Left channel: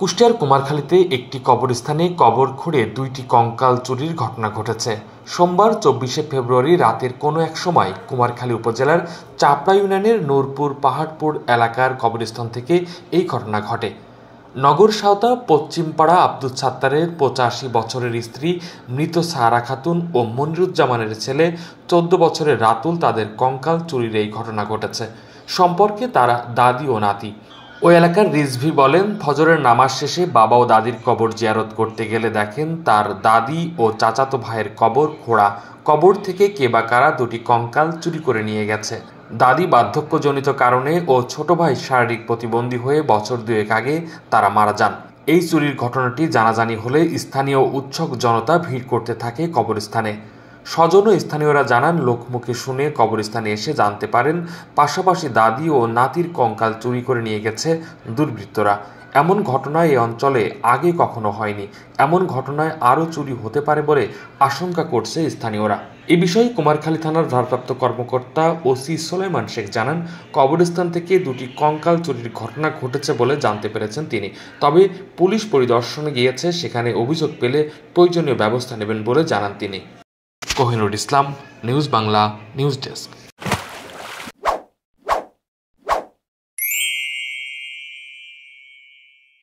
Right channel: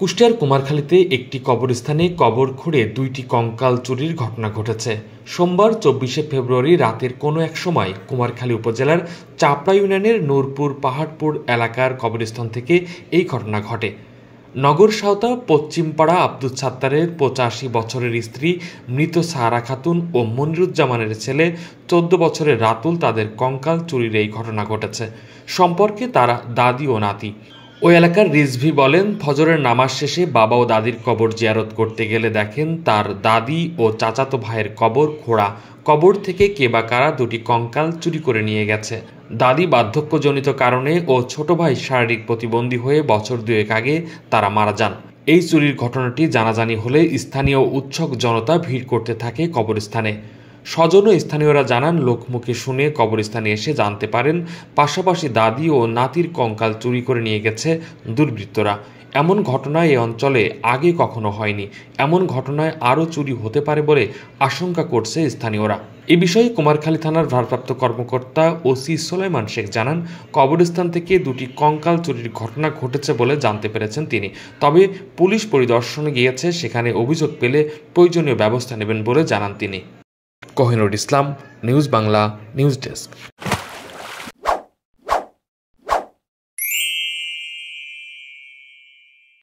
কুষ্টিয়ার কুমারখালীতে একটি কবরস্থানে কবর খুঁড়ে দুইটি কঙ্কাল চুরির ঘটনা ঘটেছে। সোমবার ২৪শে ফেব্রুয়ারি রাতের কোনো এক সময় কুমারখালী উপজেলার চাপড়া ইউনিয়নের নূরপুর পাহাড়পুর এলাকার কবরস্থান থেকে এই ঘটনা ঘটে। নগর সাঁওতা পশ্চিমপাড়া আব্দুল সাত্তারের ৮৫ বছরের স্ত্রী মৃত সাহারা খাতুন ও মনিরুজ্জামানের ছেলে ১৪ বছরের রাতুল তাদের কঙ্কাল চুরির এই ঘটনা ঘটেছে। সম্পর্কে তারা দাদি ও নাতি। ওই এলাকার রিজভি বলেন, ফজরের নামাজ শেষে বাবা ও দাদির কবর জিয়ারত করতে গেলে দেখেন তার দাদি ও চাচাতো ভাইয়ের কবর খোঁড়া। কবর থেকে কে বা কারা দুটি কঙ্কাল চুরি করে নিয়ে গেছে। দাদি বার্ধক্যজনিত কারণে ও ছোট ভাই শারীরিক প্রতিবন্ধী হয়ে বছর দুয়েক আগে তারা মারা যান। এই চুরির ঘটনাটি জানাজানি হলে স্থানীয় উৎসুক জনতা ভিড় করতে থাকে কবরস্থানে। স্বজন ও স্থানীয়রা জানান, লোকমুখে শুনে কবরস্থানে এসে জানতে পারেন পাশাপাশি দাদি ও নাতির কঙ্কাল চুরি করে নিয়ে গেছে দুর্বৃত্তরা। এমন ঘটনা এই অঞ্চলে আগে কখনো হয়নি। এমন ঘটনায় আরও চুরি হতে পারে বলে আশঙ্কা করছে স্থানীয়রা। এ বিষয়ে কুমারখালী থানার ভারপ্রাপ্ত কর্মকর্তা ওসি সোলাইমান শেখ জানান, কবরস্থান থেকে দুটি কঙ্কাল চুরির ঘটনা ঘটেছে বলে জানতে পেরেছেন তিনি। তবে পুলিশ পরিদর্শনে গিয়েছে, সেখানে অভিযোগ পেলে প্রয়োজনীয় ব্যবস্থা নেবেন বলে জানান তিনি। কোহিনুর ইসলাম, নিউজ বাংলা, নিউজ ডেস্ক।